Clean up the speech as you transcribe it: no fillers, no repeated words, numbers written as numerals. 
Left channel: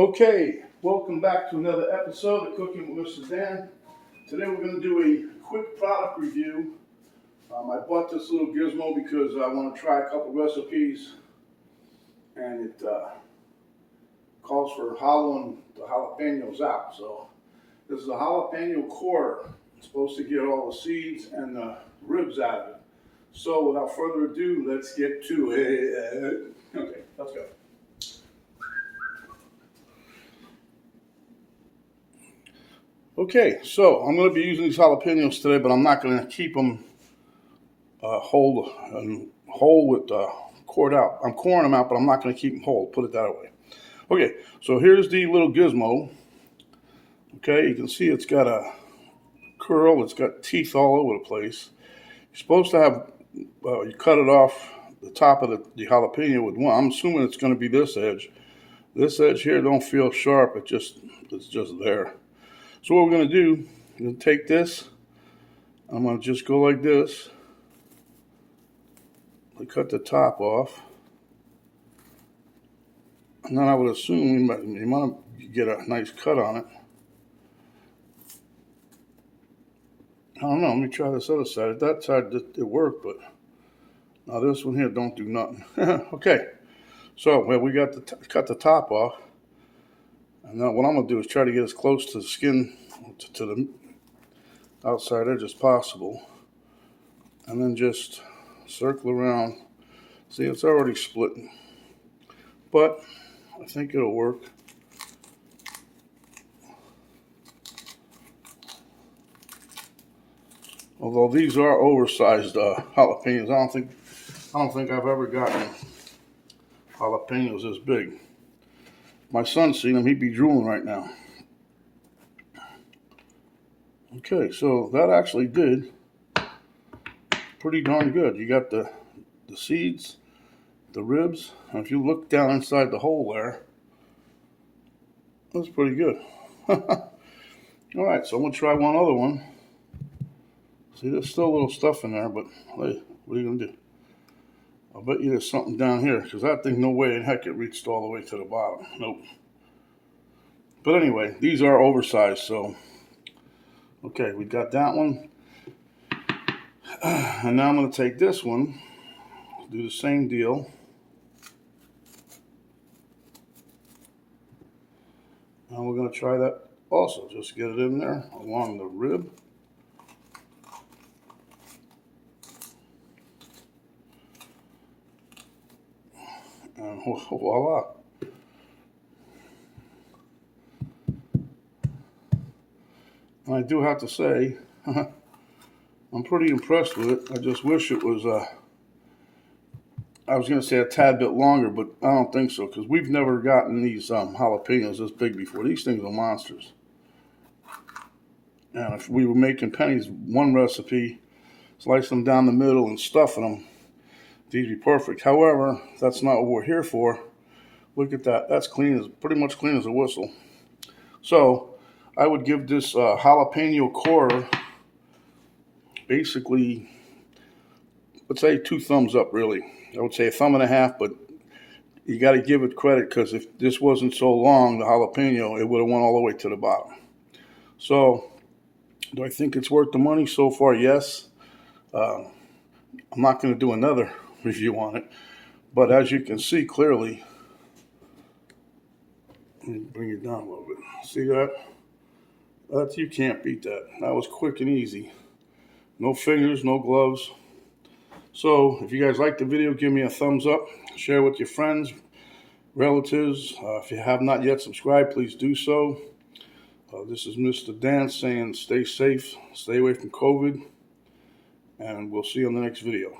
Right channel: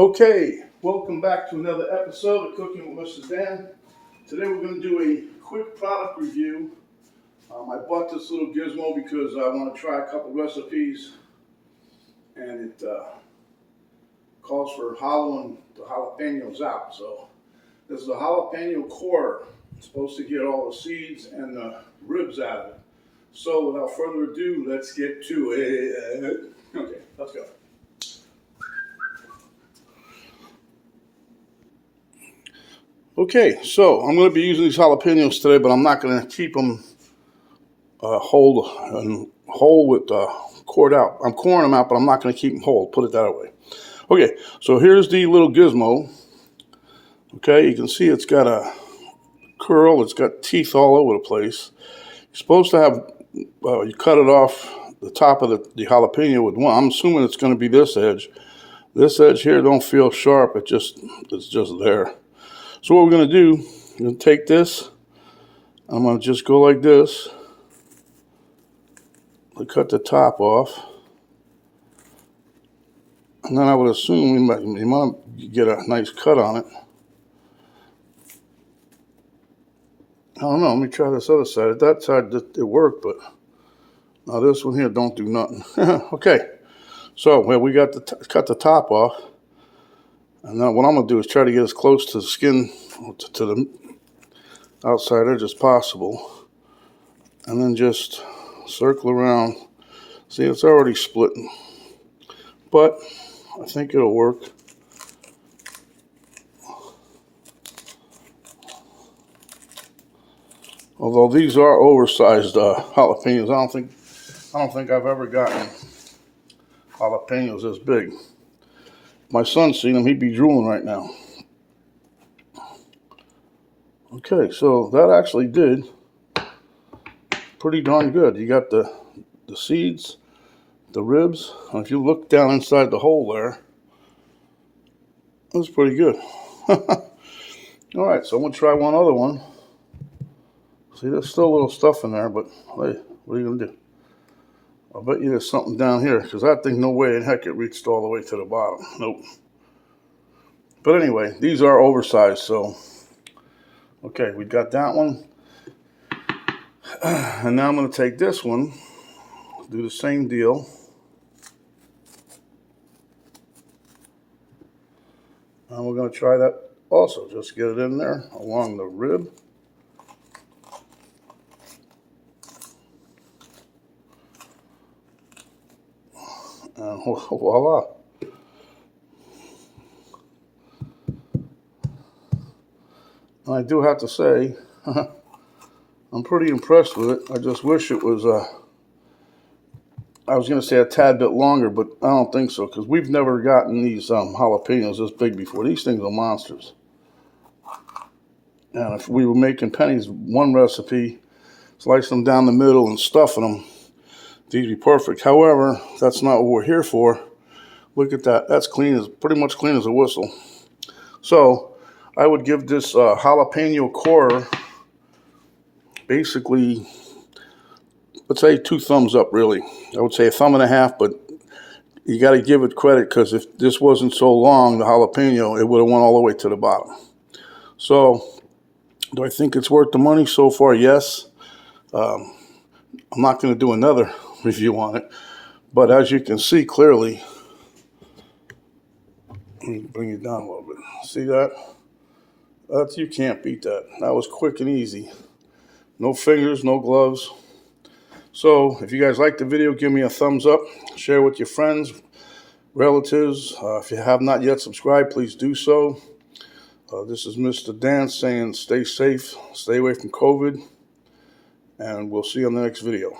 Okay, welcome back to another episode of Cooking with Mr. Dan. Today we're going to do a quick product review. I bought this little gizmo because I want to try a couple recipes, and it calls for hollowing the jalapenos out. So this is a jalapeno quarter. It's supposed to get all the seeds and the ribs out of it. So without further ado, let's get to it. Okay, let's go. Okay, so I'm going to be using these jalapenos today, but I'm not going to keep them whole with cored out. I'm coring them out, but I'm not going to keep them whole. Put it that way. Okay, so here's the little gizmo. Okay, you can see it's got a curl. It's got teeth all over the place. You're supposed to have, you cut it off the top of the jalapeno with one. I'm assuming it's going to be this edge. This edge here don't feel sharp. It's just there. So what we're going to do, I'm going to take this, I'm going to just go like this, to cut the top off, and then I would assume you might get a nice cut on it. I don't know, let me try this other side. At that side it worked, but now this one here don't do nothing. Okay, so we got to cut the top off, and now what I'm going to do is try to get as close to the skin, to the outside edge as possible, and then just circle around. See, it's already splitting, but I think it'll work. Although these are oversized jalapenos, I don't think I've ever gotten jalapenos this big. If my son's seen them, he'd be drooling right now. Okay, so that actually did pretty darn good. You got the seeds, the ribs, and if you look down inside the hole there, that's pretty good. All right, so I'm going to try one other one. See, there's still a little stuff in there, but hey, what are you going to do? I'll bet you there's something down here, because that thing, no way in heck it reached all the way to the bottom. Nope. But anyway, these are oversized, so okay, we got that one. And now I'm going to take this one, do the same deal. And we're going to try that also. Just get it in there along the rib. And voila. And I do have to say, I'm pretty impressed with it. I just wish it was, I was going to say a tad bit longer, but I don't think so, because we've never gotten these jalapenos this big before. These things are monsters. And if we were making pennies, one recipe, slice them down the middle and stuffing them, these would be perfect. However, that's not what we're here for. Look at that. That's clean, as pretty much clean as a whistle. So I would give this jalapeno quarter basically, let's say 2 thumbs up, really. I would say a thumb and a half, but you got to give it credit, because if this wasn't so long, the jalapeno, it would have went all the way to the bottom. So do I think it's worth the money so far? Yes. I'm not going to do another review on it, but as you can see clearly, let me bring it down a little bit. See that? You can't beat that. That was quick and easy. No fingers, no gloves. So if you guys like the video, give me a thumbs up. Share with your friends, relatives. If you have not yet subscribed, please do so. This is Mr. Dan saying stay safe, stay away from COVID, and we'll see you on the next video.